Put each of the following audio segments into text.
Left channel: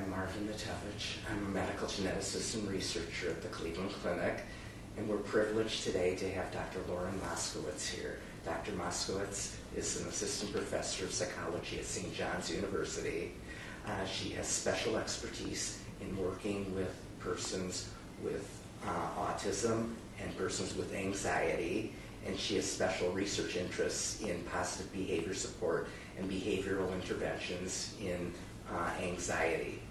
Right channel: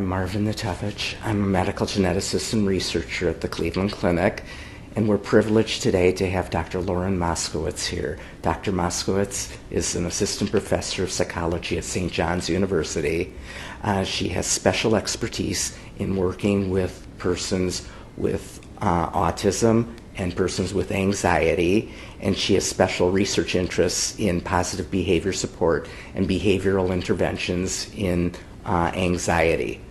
I'm Marvin Natowicz. I'm a medical geneticist and researcher at the Cleveland Clinic, and we're privileged today to have Dr. Lauren Moskowitz here. Dr. Moskowitz is an assistant professor of psychology at St. John's University. She has special expertise in working with persons with autism and persons with anxiety, and she has special research interests in positive behavior support and behavioral interventions in anxiety.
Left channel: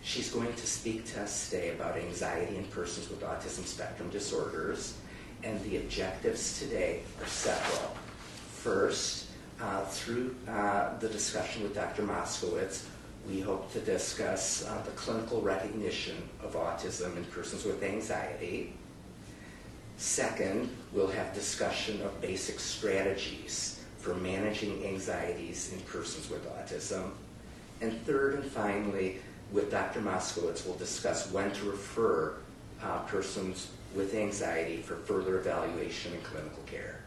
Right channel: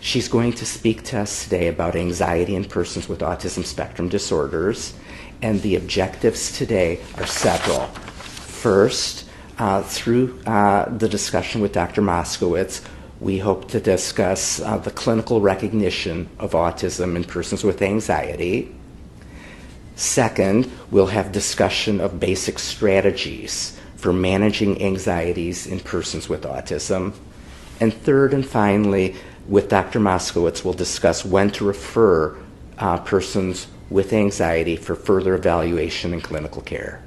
She's going to speak to us today about anxiety in persons with autism spectrum disorders, and the objectives today are several. First, through the discussion with Dr. Moskowitz, we hope to discuss the clinical recognition of autism in persons with anxiety. Second, we'll have discussion of basic strategies for managing anxieties in persons with autism. And third and finally, with Dr. Moskowitz, we'll discuss when to refer persons with anxiety for further evaluation and clinical care.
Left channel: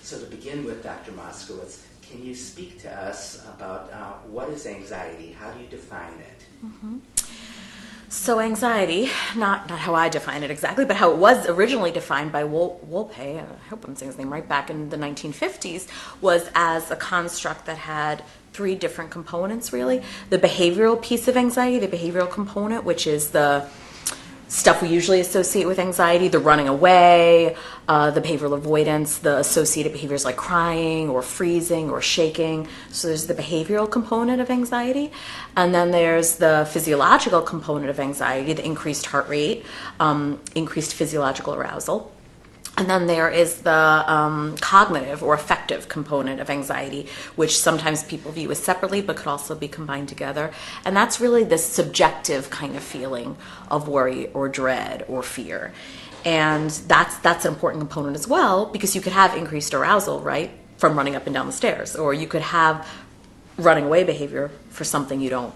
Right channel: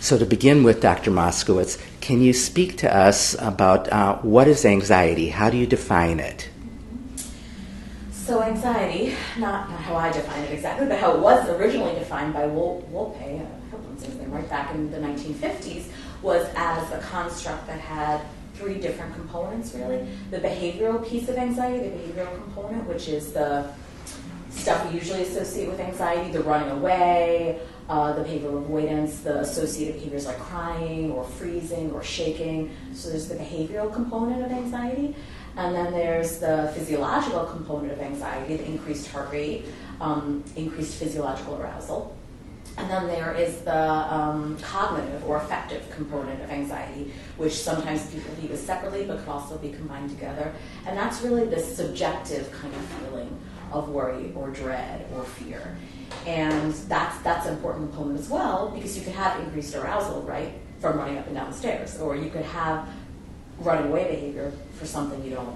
So to begin with, Dr. Moskowitz, can you speak to us about what is anxiety? How do you define it? So anxiety, not how I define it exactly, but how it was originally defined by Wolpe, I hope I'm saying his name right, back in the 1950s, was as a construct that had three different components, really. The behavioral piece of anxiety, the behavioral component, which is the stuff we usually associate with anxiety, the running away, the behavioral avoidance, the associated behaviors like crying or freezing or shaking. So there's the behavioral component of anxiety. And then there's the physiological component of anxiety, the increased heart rate, increased physiological arousal. And then there is the cognitive or affective component of anxiety, which sometimes people view as separately, but could also be combined together. And that's really the subjective kind of feeling of worry or dread or fear. And that's an important component as well, because you could have increased arousal, right, from running up and down the stairs, or you could have running away behavior for something you don't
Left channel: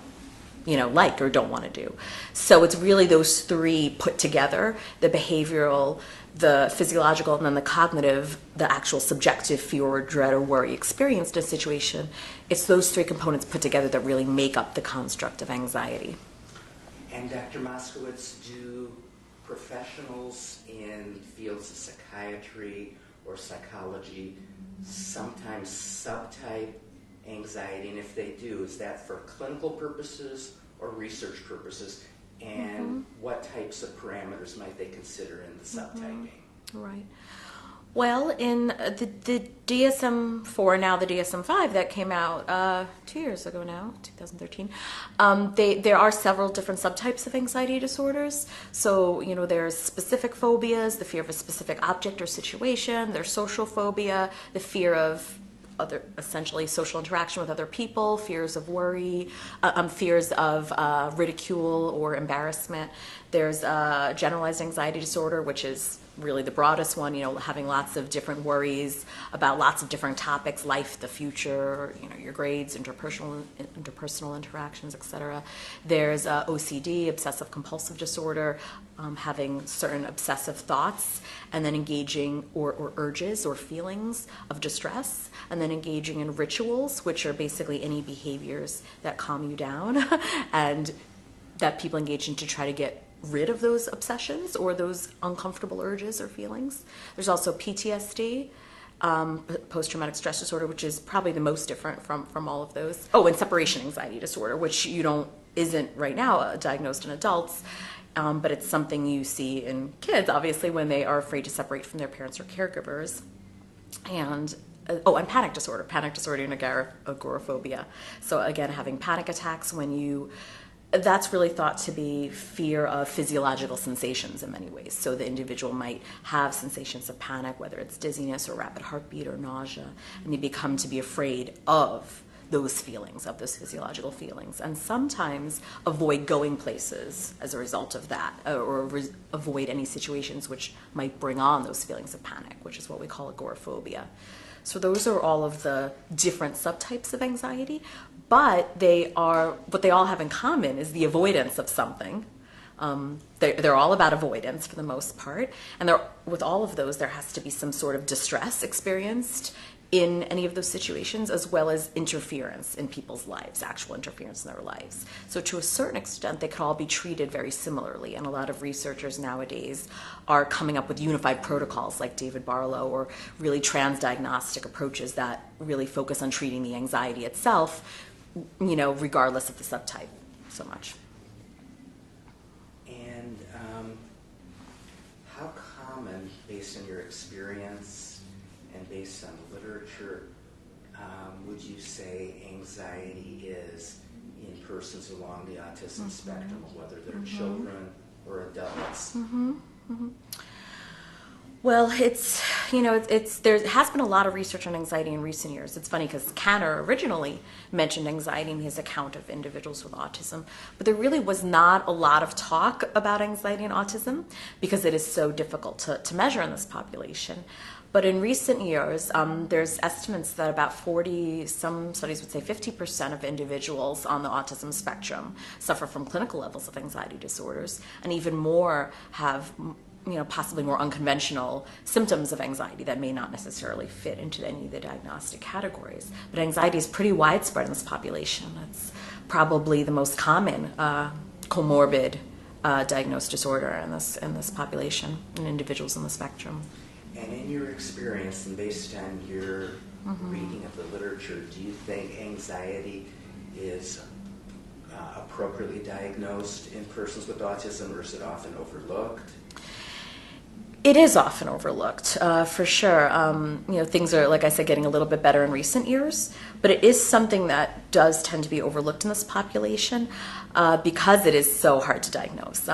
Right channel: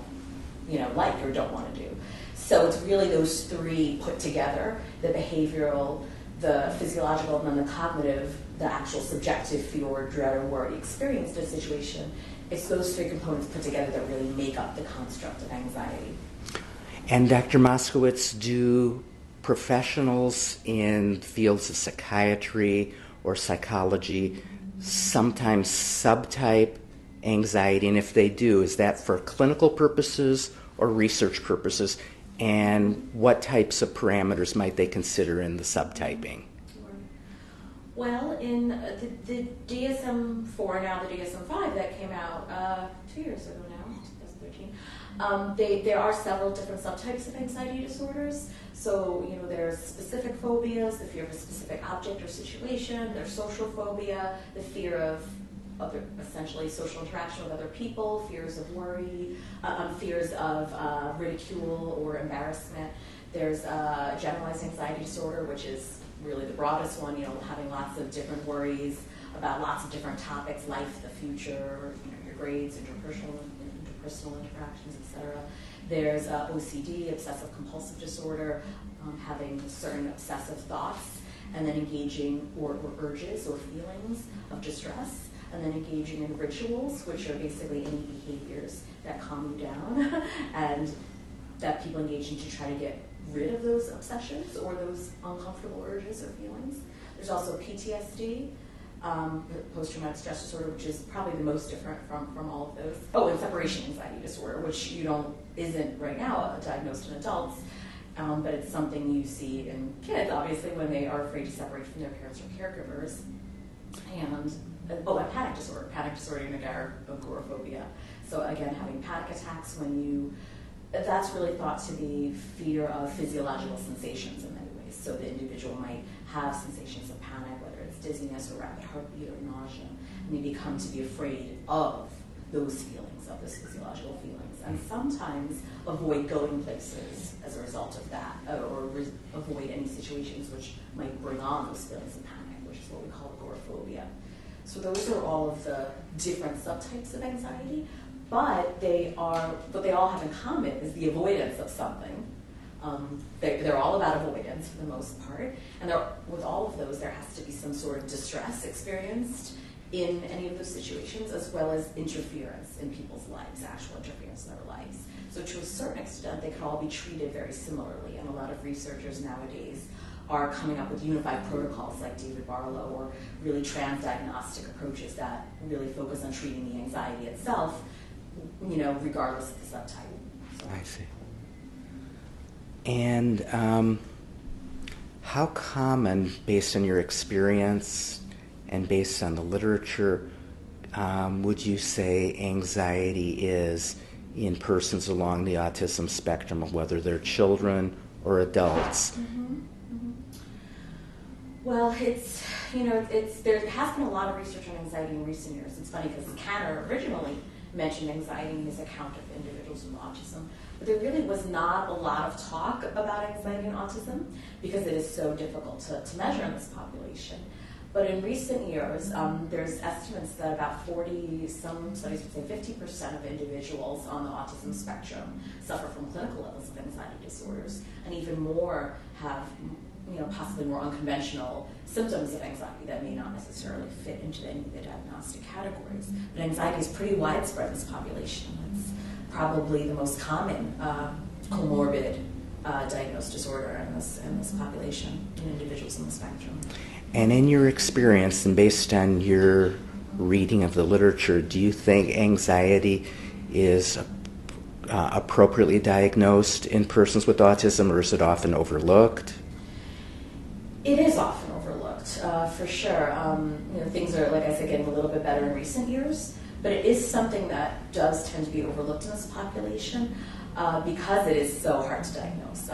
like or don't want to do. So it's really those three put together, the behavioral, the physiological, and then the cognitive, the actual subjective fear or dread or worry experienced in a situation. It's those three components put together that really make up the construct of anxiety. And Dr. Moskowitz, do professionals in fields of psychiatry or psychology sometimes subtype anxiety? And if they do, is that for clinical purposes or research purposes? And what types of parameters might they consider in the subtyping? Right. Well, in the DSM-4, now the DSM-5 that came out 2 years ago now, 2013, there are several different subtypes of anxiety disorders. So, there's specific phobias, the fear of a specific object or situation, there's social phobia, the fear of essentially social interaction with other people, fears of worry, fears of ridicule or embarrassment. There's generalized anxiety disorder, which is really the broadest one, having lots of different worries about lots of different topics, life, the future, your grades, interpersonal interactions, etc. There's OCD, obsessive compulsive disorder, having certain obsessive thoughts, and then engaging or urges or feelings of distress, and then engaging in rituals, which are basically any behaviors that calm you down and that people engage in to try to get rid of those obsessions or those uncomfortable urges or feelings. There's also PTSD, post-traumatic stress disorder, which is probably the most different from all of those. Oh, and separation anxiety disorder, which isn't right now diagnosed in adults, but it's something you see in kids, obviously, when they are afraid to separate from their parents or caregivers. And panic disorder and agoraphobia. So again, having panic attacks that's really thought to be fear of physiological sensations in many ways. So the individual might have sensations of panic, whether it's dizziness or rapid heartbeat or nausea, and they become to be afraid of those feelings, of those physiological feelings, and sometimes avoid going places as a result of that, or avoid any situations which might bring on those feelings of panic, which is what we call agoraphobia. So those are all of the different subtypes of anxiety, but what they all have in common is the avoidance of something. They're all about avoidance for the most part, and with all of those there has to be some sort of distress experienced in any of those situations, as well as interference in people's lives, actual interference in their lives. So to a certain extent, they can all be treated very similarly, and a lot of researchers nowadays are coming up with unified protocols like David Barlow, or really transdiagnostic approaches that really focus on treating the anxiety itself, regardless of the subtype. So I see. And how common, based on your experience and based on the literature, would you say anxiety is in persons along the autism spectrum, whether they're children or adults? Mm-hmm. Well, there has been a lot of research on anxiety in recent years. It's funny because Kanner originally mentioned anxiety in his account of individuals with autism, but there really was not a lot of talk about anxiety and autism because it is so difficult to measure in this population. But in recent years, there's estimates that about 40, some studies would say 50% of individuals on the autism spectrum suffer from clinical levels of anxiety disorders, and even more have possibly more unconventional symptoms of anxiety that may not necessarily fit into any of the diagnostic categories. But anxiety is pretty widespread in this population. It's probably the most common comorbid diagnosed disorder in this population, in individuals on the spectrum. And in your experience, and based on your reading of the literature, do you think anxiety is appropriately diagnosed in persons with autism, or is it often overlooked? It is often overlooked, for sure. Things are, like I said, getting a little bit better in recent years, but it is something that does tend to be overlooked in this population because it is so hard to diagnose.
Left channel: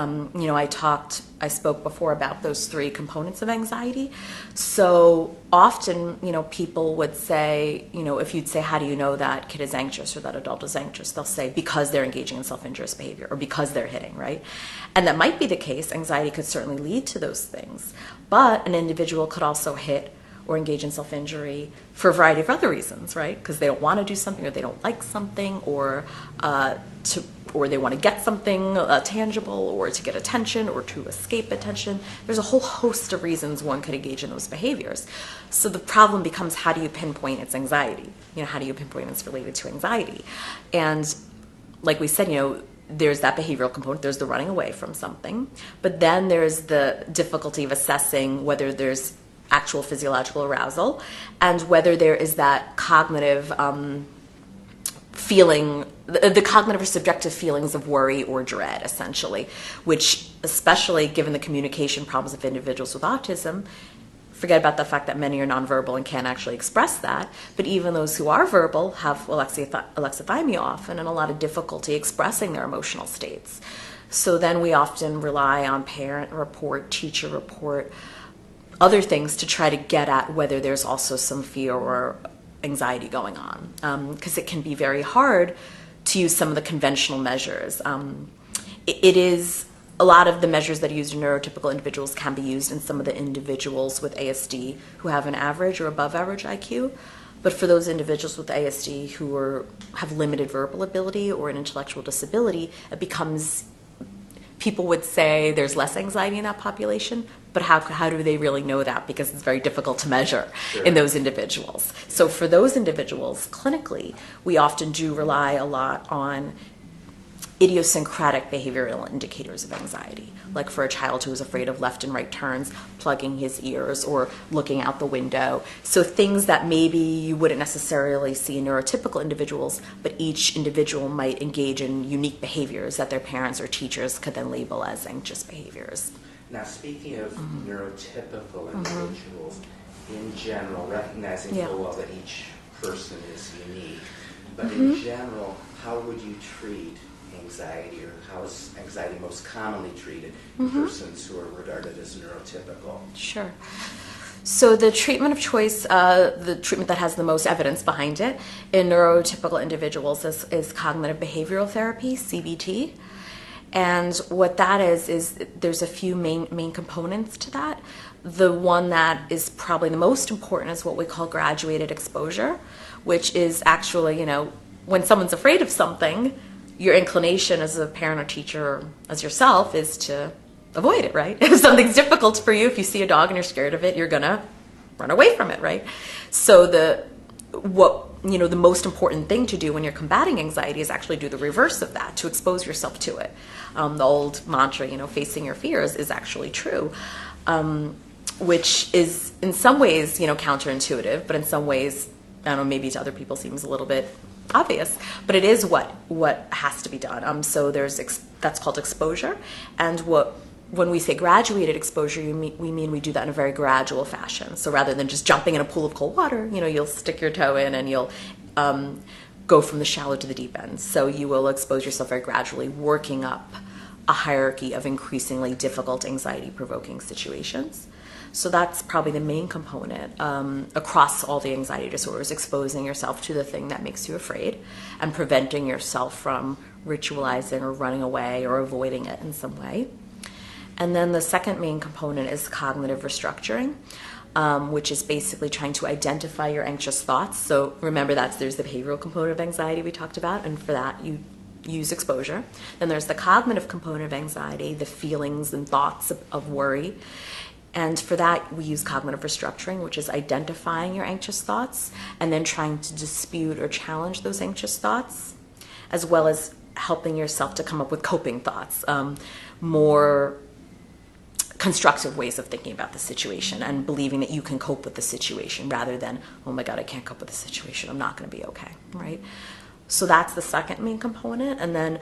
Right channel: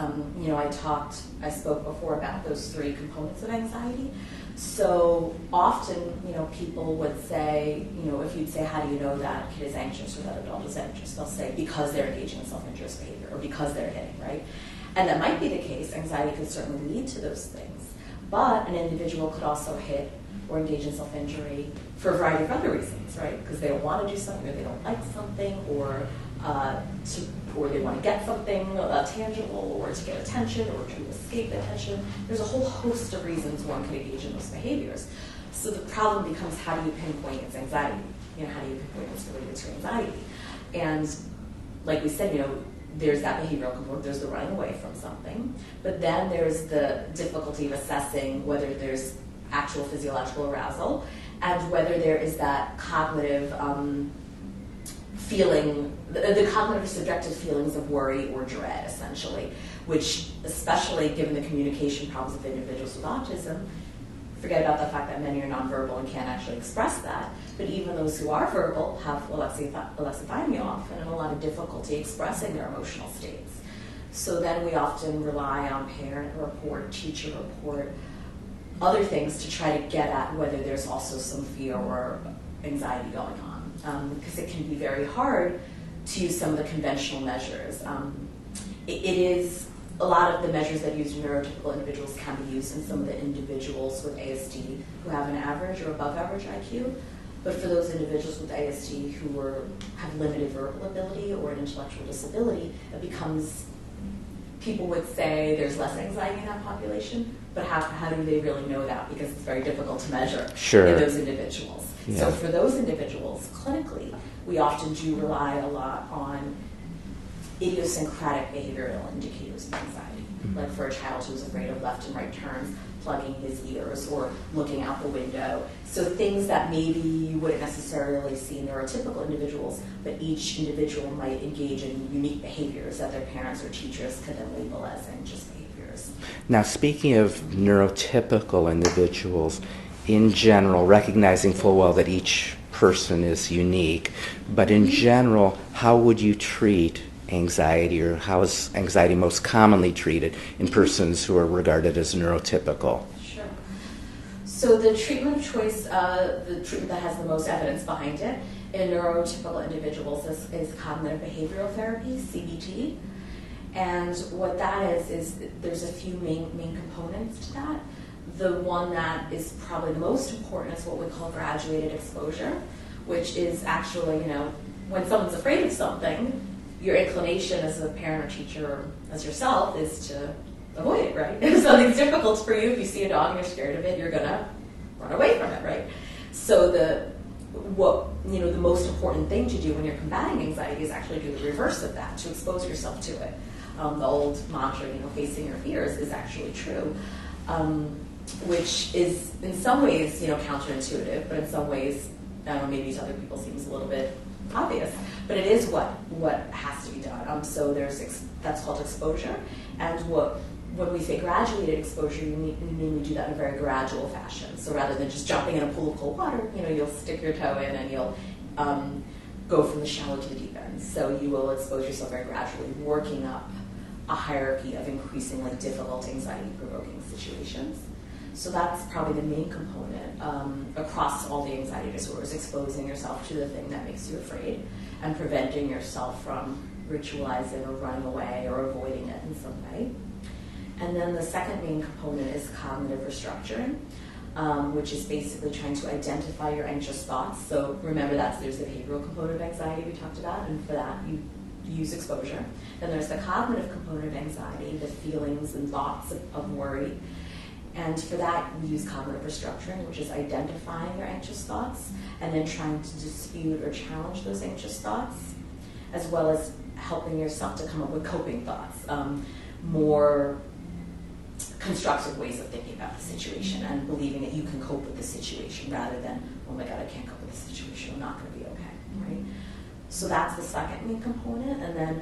I spoke before about those three components of anxiety. So often, people would say, if you'd say, how do you know that kid is anxious or that adult is anxious? They'll say, because they're engaging in self-injurious behavior or because they're hitting, right? And that might be the case. Anxiety could certainly lead to those things. But an individual could also hit or engage in self-injury for a variety of other reasons, right? Because they don't want to do something, or they don't like something, or they want to get something tangible, or to get attention, or to escape attention. There's a whole host of reasons one could engage in those behaviors. So the problem becomes, how do you pinpoint it's anxiety? How do you pinpoint it's related to anxiety? And like we said, there's that behavioral component, there's the running away from something, but then there's the difficulty of assessing whether there's actual physiological arousal and whether there is that cognitive feeling, the cognitive or subjective feelings of worry or dread, essentially, which, especially given the communication problems of individuals with autism, forget about the fact that many are nonverbal and can't actually express that, but even those who are verbal have alexithymia often and a lot of difficulty expressing their emotional states. So then we often rely on parent report, teacher report, other things to try to get at whether there's also some fear or anxiety going on, because it can be very hard to use some of the conventional measures. It is a lot of the measures that are used in neurotypical individuals can be used in some of the individuals with ASD who have an average or above average IQ. But for those individuals with ASD who have limited verbal ability or an intellectual disability, it becomes, people would say there's less anxiety in that population, but how do they really know that? Because it's very difficult to measure in those individuals. Yeah. So for those individuals, clinically, we often do rely a lot on idiosyncratic behavioral indicators of anxiety, like for a child who is afraid of left and right turns, plugging his ears or looking out the window. So things that maybe you wouldn't necessarily see in neurotypical individuals, but each individual might engage in unique behaviors that their parents or teachers could then label as anxious behaviors. Now, speaking of neurotypical individuals, in general, recognizing full well that each person is unique, but in general, how would you treat anxiety, or how is anxiety most commonly treated in persons who are regarded as neurotypical? Sure. So the treatment of choice, the treatment that has the most evidence behind it in neurotypical individuals is cognitive behavioral therapy, CBT. And what that is there's a few main components to that. The one that is probably the most important is what we call graduated exposure, which is actually, when someone's afraid of something, your inclination as a parent or teacher, as yourself, is to avoid it, right? If something's difficult for you, if you see a dog and you're scared of it, you're going to run away from it, right? So the most important thing to do when you're combating anxiety is actually do the reverse of that, to expose yourself to it. The old mantra, facing your fears, is actually true, which is in some ways, counterintuitive, but in some ways, I don't know, maybe to other people seems a little bit obvious, but it is what has to be done. So that's called exposure, and when we say graduated exposure, we mean we do that in a very gradual fashion. So rather than just jumping in a pool of cold water, you'll stick your toe in and you'll go from the shallow to the deep end. So you will expose yourself very gradually, working up a hierarchy of increasingly difficult anxiety-provoking situations. So that's probably the main component across all the anxiety disorders, exposing yourself to the thing that makes you afraid and preventing yourself from ritualizing or running away or avoiding it in some way. And then the second main component is cognitive restructuring, which is basically trying to identify your anxious thoughts. So remember there's the behavioral component of anxiety we talked about, and for that you use exposure. Then there's the cognitive component of anxiety, the feelings and thoughts of worry. And for that, we use cognitive restructuring, which is identifying your anxious thoughts and then trying to dispute or challenge those anxious thoughts, as well as helping yourself to come up with coping thoughts, more constructive ways of thinking about the situation and believing that you can cope with the situation rather than, oh my God, I can't cope with the situation, I'm not going to be okay, right? So that's the second main component. And then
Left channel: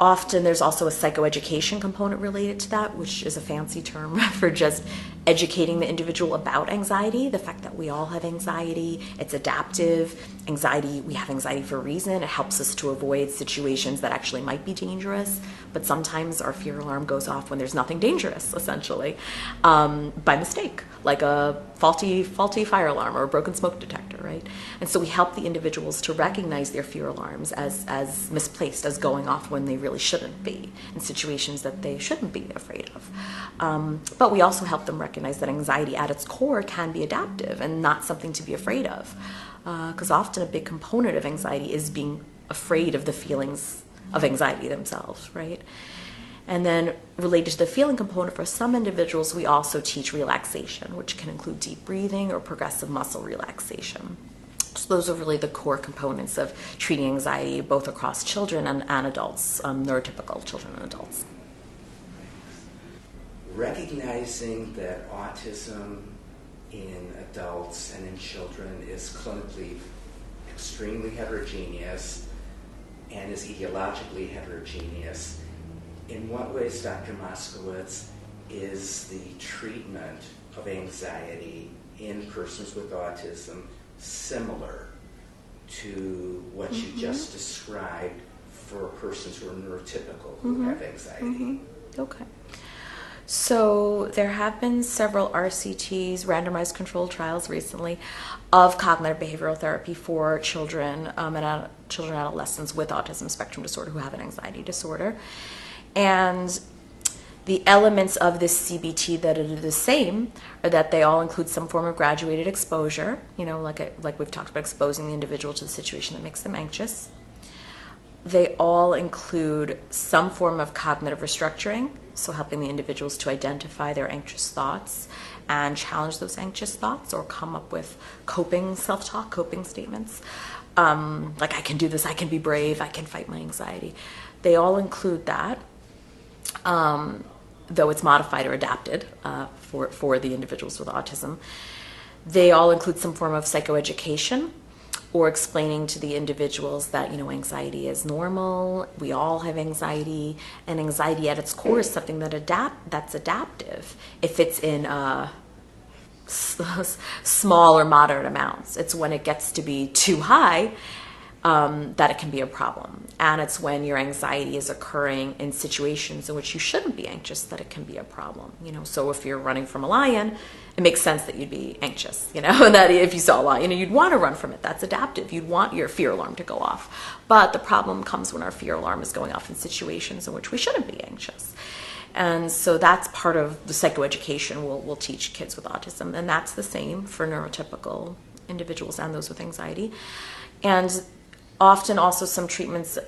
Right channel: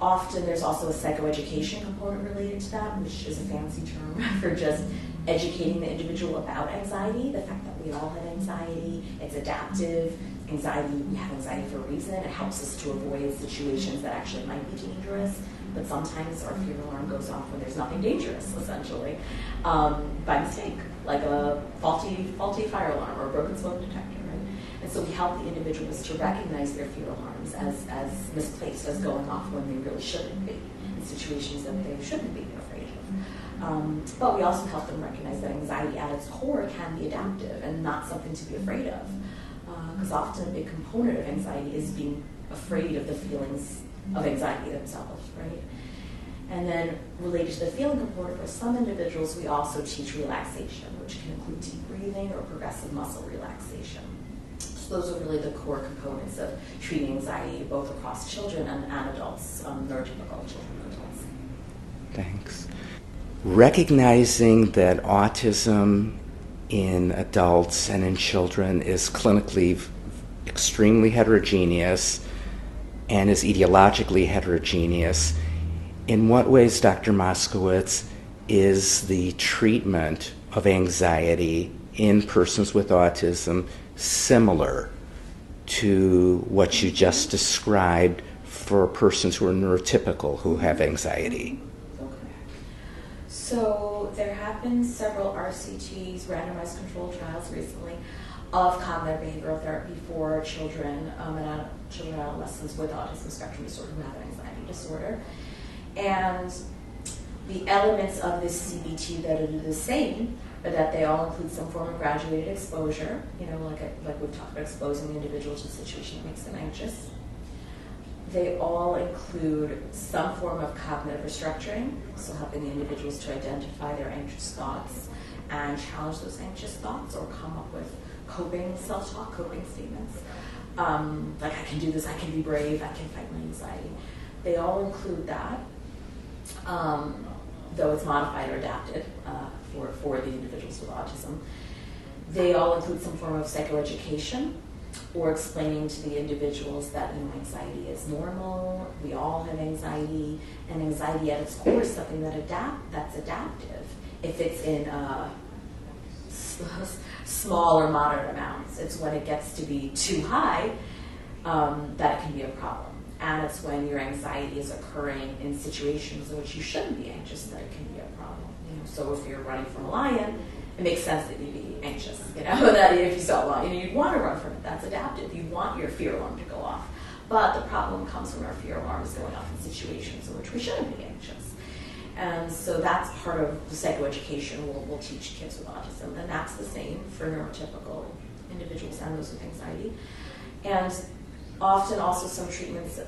often there's also a psychoeducation component related to that, which is a fancy term for just educating the individual about anxiety, the fact that we all have anxiety, it's adaptive. We have anxiety for a reason. It helps us to avoid situations that actually might be dangerous, but sometimes our fear alarm goes off when there's nothing dangerous, essentially, by mistake, like a faulty fire alarm or a broken smoke detector, right? And so we help the individuals to recognize their fear alarms as misplaced, as going off when they really shouldn't be, in situations that they shouldn't be afraid of. But we also help them recognize that anxiety at its core can be adaptive and not something to be afraid of. Because often a big component of anxiety is being afraid of the feelings of anxiety themselves, right? And then related to the feeling component, for some individuals, we also teach relaxation, which can include deep breathing or progressive muscle relaxation. So those are really the core components of treating anxiety, both across children and adults, neurotypical children and adults. Thanks. Recognizing that autism in adults and in children is clinically extremely heterogeneous and is etiologically heterogeneous, in what ways, Dr. Moskowitz, is the treatment of anxiety in persons with autism similar to what you just described for persons who are neurotypical who have anxiety? Okay. So there have been several RCTs, randomized controlled trials recently, of cognitive behavioral therapy for children and adolescents with autism spectrum disorder who have an anxiety disorder. And the elements of this CBT that are the same are that they all include some form of graduated exposure, like we've talked about, exposing the individual to the situation that makes them anxious. They all include some form of cognitive restructuring, so helping the individuals to identify their anxious thoughts and challenge those anxious thoughts or come up with coping self-talk, coping statements. Like, I can do this, I can be brave, I can fight my anxiety. They all include that, though it's modified or adapted for the individuals with autism. They all include some form of psychoeducation, or explaining to the individuals that, anxiety is normal, we all have anxiety, and anxiety at its core is something that's adaptive if it's in small or moderate amounts. It's when it gets to be too high that it can be a problem. And it's when your anxiety is occurring in situations in which you shouldn't be anxious that it can be a problem. So if you're running from a lion, it makes sense that you'd be anxious, that if you saw a lion, you'd want to run from it. That's adaptive. You'd want your fear alarm to go off. But the problem comes when our fear alarm is going off in situations in which we shouldn't be anxious. And so that's part of the psychoeducation we'll teach kids with autism. And that's the same for neurotypical individuals and those with anxiety. And often also some treatments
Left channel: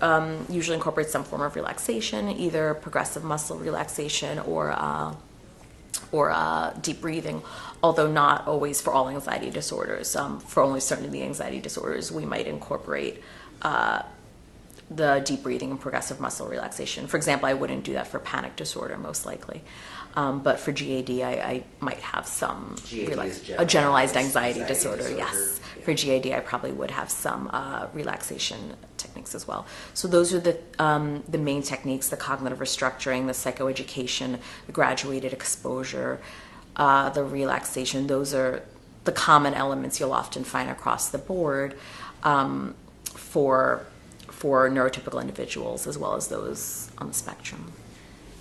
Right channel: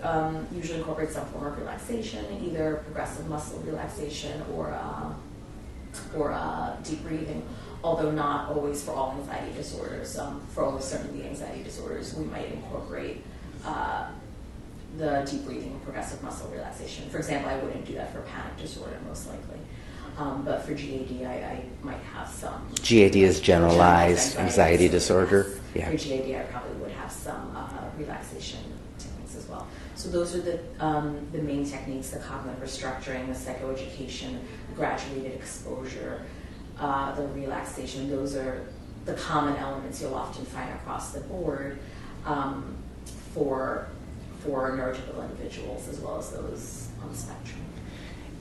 usually incorporate some form of relaxation, either progressive muscle relaxation or or deep breathing, although not always for all anxiety disorders. For only certain of the anxiety disorders, we might incorporate the deep breathing and progressive muscle relaxation. For example, I wouldn't do that for panic disorder, most likely. But for GAD, I might have some. GAD is generalized anxiety disorder. Yes. Yeah. For GAD, I probably would have some relaxation techniques as well. So those are the main techniques: the cognitive restructuring, the psychoeducation, the graduated exposure, the relaxation. Those are the common elements you'll often find across the board for neurotypical individuals as well as those on the spectrum.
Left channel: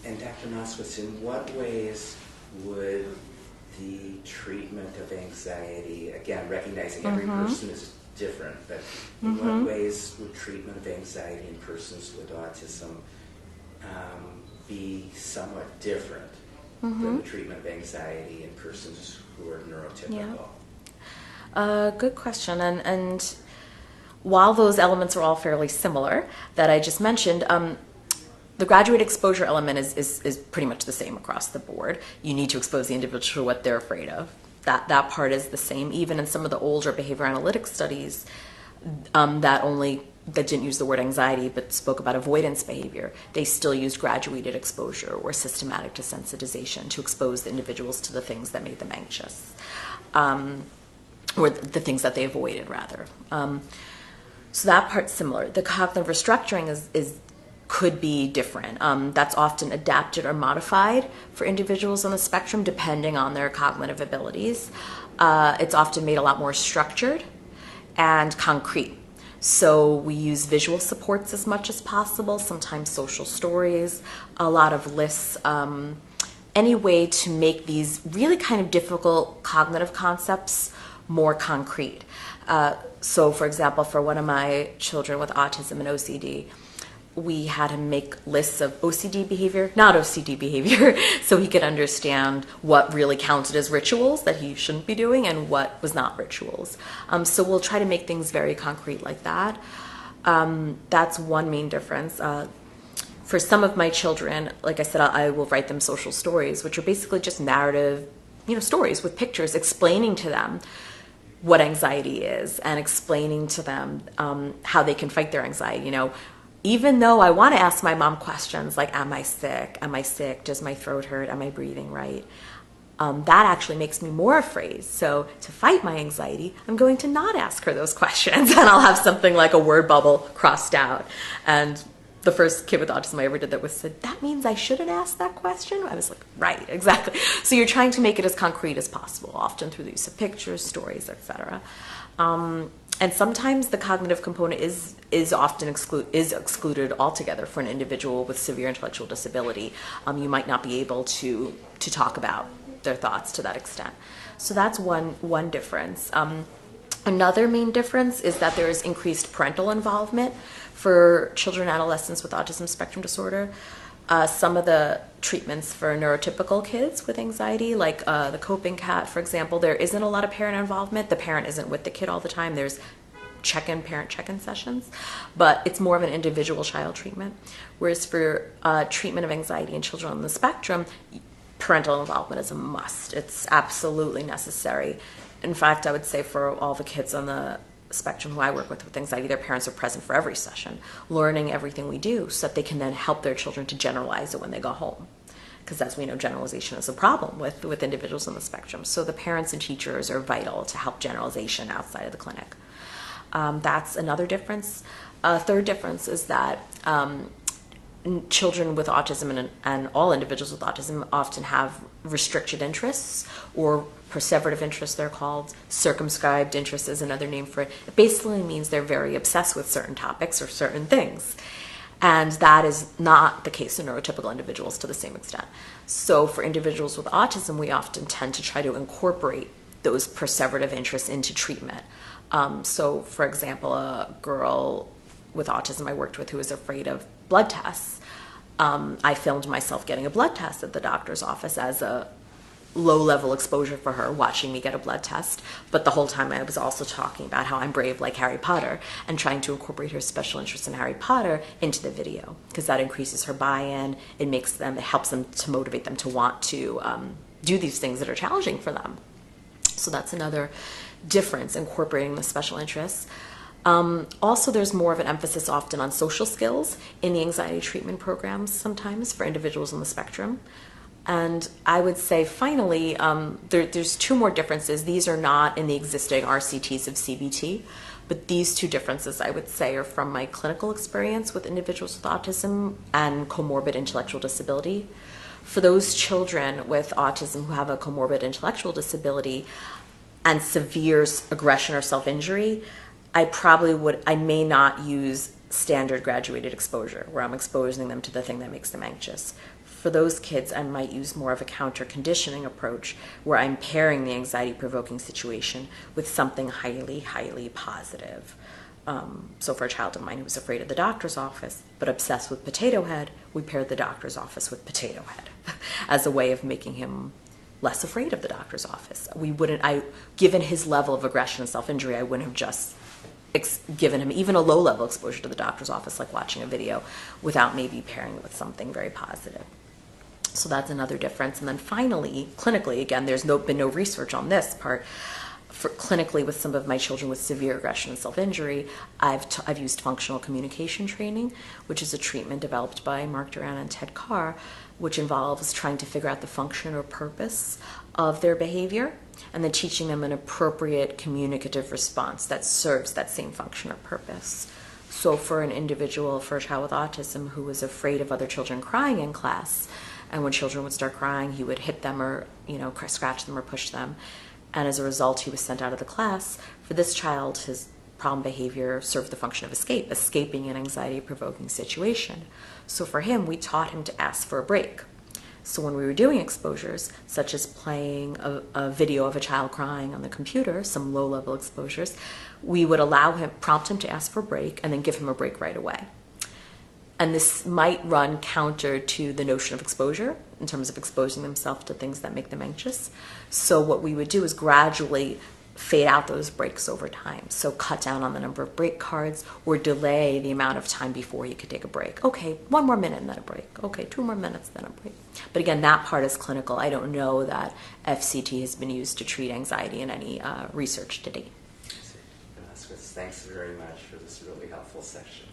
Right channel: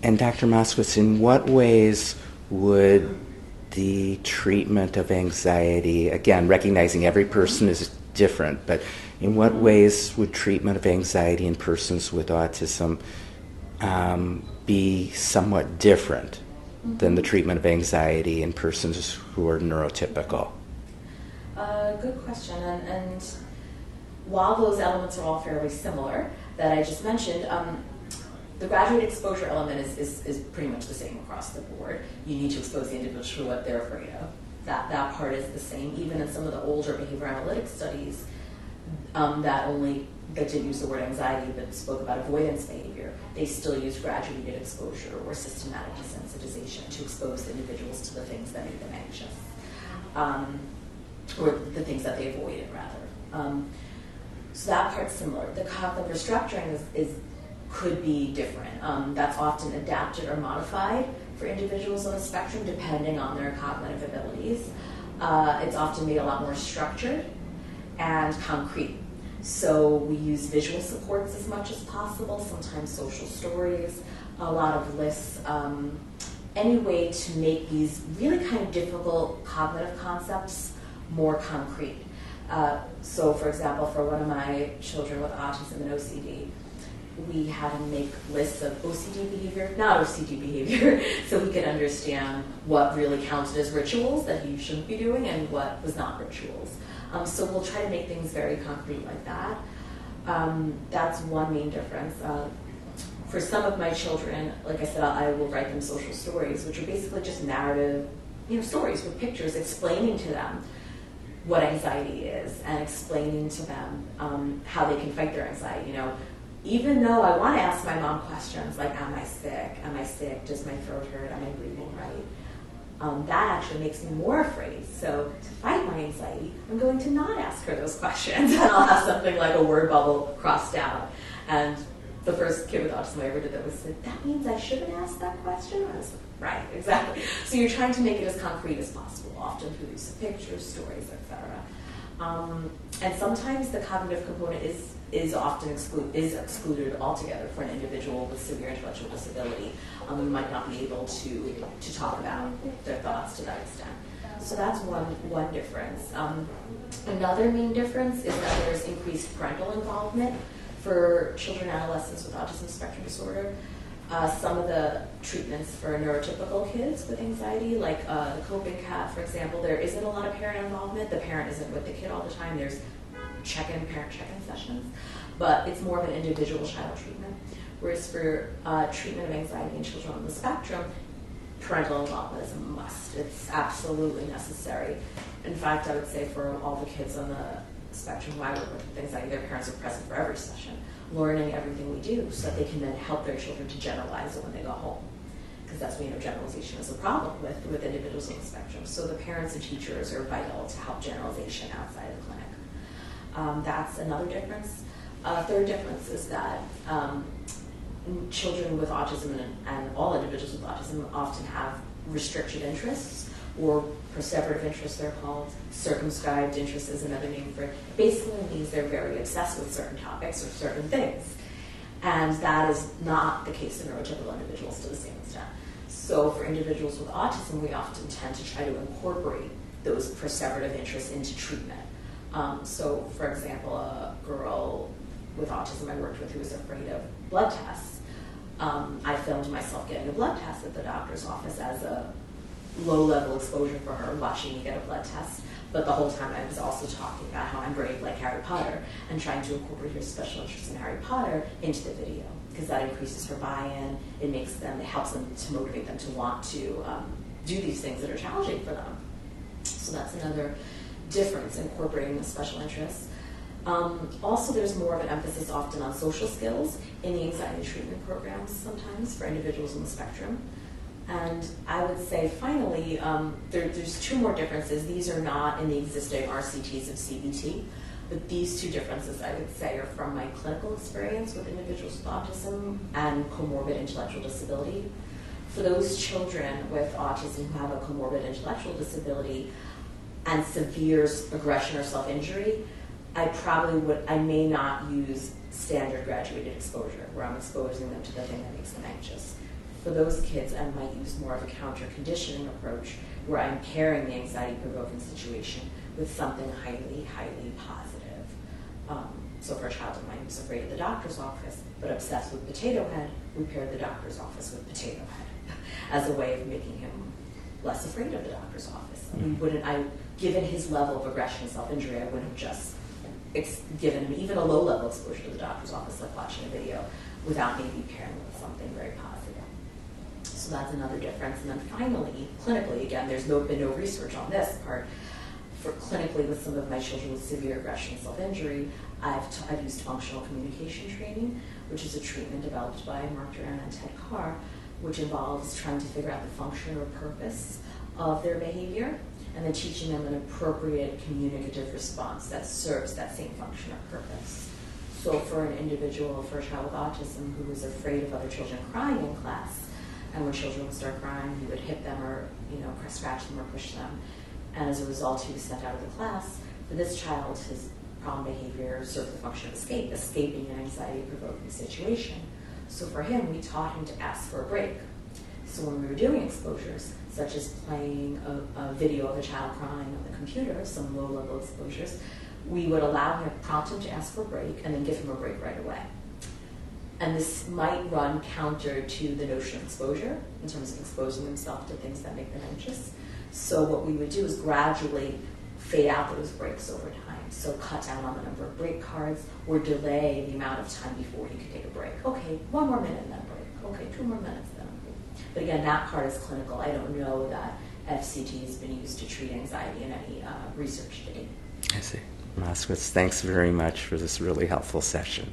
And Dr. Moskowitz, in what ways would the treatment of anxiety, again, recognizing every person is different, but in what ways would treatment of anxiety in persons with autism be somewhat different than the treatment of anxiety in persons who are neurotypical? Good question. And while those elements are all fairly similar that I just mentioned, the graduate exposure element is pretty much the same across the board. You need to expose the individual to what they're afraid of. That part is the same. Even in some of the older behavior analytics studies that didn't use the word anxiety but spoke about avoidance behavior, they still used graduated exposure or systematic desensitization to expose the individuals to the things that make them anxious, or the things that they avoided, rather. So that part's similar. The cognitive restructuring could be different. That's often adapted or modified for individuals on the spectrum depending on their cognitive abilities. It's often made a lot more structured and concrete. So we use visual supports as much as possible, sometimes social stories, a lot of lists, any way to make these really kind of difficult cognitive concepts more concrete. So for example, for one of my children with autism and OCD, we had him make lists of OCD behavior, not OCD behavior, so he could understand what really counted as rituals that he shouldn't be doing and what was not rituals. So we'll try to make things very concrete like that. That's one main difference. For some of my children, like I said, I will write them social stories, which are basically just narrative, stories with pictures explaining to them what anxiety is and explaining to them how they can fight their anxiety. Even though I want to ask my mom questions like, am I sick? Am I sick? Does my throat hurt? Am I breathing right? That actually makes me more afraid. So to fight my anxiety, I'm going to not ask her those questions, and I'll have something like a word bubble crossed out. And the first kid with autism I ever did that said, that means I shouldn't ask that question? I was like, right, exactly. So you're trying to make it as concrete as possible, often through the use of pictures, stories, etc. And sometimes the cognitive component is often excluded altogether for an individual with severe intellectual disability. You might not be able to talk about their thoughts to that extent. So that's one difference. Another main difference is that there is increased parental involvement for children and adolescents with autism spectrum disorder. Some of the treatments for neurotypical kids with anxiety, like the coping cat, for example, there isn't a lot of parent involvement. The parent isn't with the kid all the time. There's parent check-in sessions, but it's more of an individual child treatment. Whereas for treatment of anxiety in children on the spectrum, parental involvement is a must. It's absolutely necessary. In fact, I would say for all the kids on the spectrum who I work with anxiety, their parents are present for every session, learning everything we do so that they can then help their children to generalize it when they go home. Because as we know, generalization is a problem with individuals on the spectrum. So the parents and teachers are vital to help generalization outside of the clinic. That's another difference. Third difference is that children with autism and all individuals with autism often have restricted interests, or perseverative interests they're called. Circumscribed interest is another name for it. It basically means they're very obsessed with certain topics or certain things. And that is not the case in neurotypical individuals to the same extent. So for individuals with autism, we often tend to try to incorporate those perseverative interests into treatment. So for example, a girl with autism I worked with who was afraid of blood tests, I filmed myself getting a blood test at the doctor's office as a low-level exposure for her, watching me get a blood test. But the whole time I was also talking about how I'm brave like Harry Potter and trying to incorporate her special interest in Harry Potter into the video, because that increases her buy-in. It helps them to motivate them to want to do these things that are challenging for them. So that's another difference, incorporating the special interests. Also, there's more of an emphasis often on social skills in the anxiety treatment programs sometimes for individuals on the spectrum. And I would say, finally, there's two more differences. These are not in the existing RCTs of CBT, but these two differences, I would say, are from my clinical experience with individuals with autism and comorbid intellectual disability. For those children with autism who have a comorbid intellectual disability and severe aggression or self-injury, I may not use standard graduated exposure, where I'm exposing them to the thing that makes them anxious. For those kids, I might use more of a counter-conditioning approach, where I'm pairing the anxiety-provoking situation with something highly, highly positive. So for a child of mine who's afraid of the doctor's office, but obsessed with Potato Head, we paired the doctor's office with Potato Head as a way of making him less afraid of the doctor's office. Given his level of aggression and self-injury, I wouldn't have just given him even a low-level exposure to the doctor's office, like watching a video, without maybe pairing it with something very positive. So that's another difference. And then finally, clinically, again, there's been no research on this part. For clinically, with some of my children with severe aggression and self-injury, I've used functional communication training, which is a treatment developed by Mark Duran and Ted Carr, which involves trying to figure out the function or purpose of their behavior, and then teaching them an appropriate communicative response that serves that same function or purpose. So for a child with autism who was afraid of other children crying in class, and when children would start crying, he would hit them or scratch them or push them, and as a result, he was sent out of the class. For this child, his problem behavior served the function of escaping an anxiety-provoking situation. So for him, we taught him to ask for a break. So when we were doing exposures, such as playing a video of a child crying on the computer, some low-level exposures, we would prompt him to ask for a break, and then give him a break right away. And this might run counter to the notion of exposure in terms of exposing themselves to things that make them anxious. So what we would do is gradually fade out those breaks over time. So cut down on the number of break cards, or delay the amount of time before you could take a break. Okay, 1 more minute and then a break. Okay, 2 more minutes, then a break. But again, that part is clinical. I don't know that FCT has been used to treat anxiety in any research to date. I see. Moskowitz, thanks very much for this really helpful session.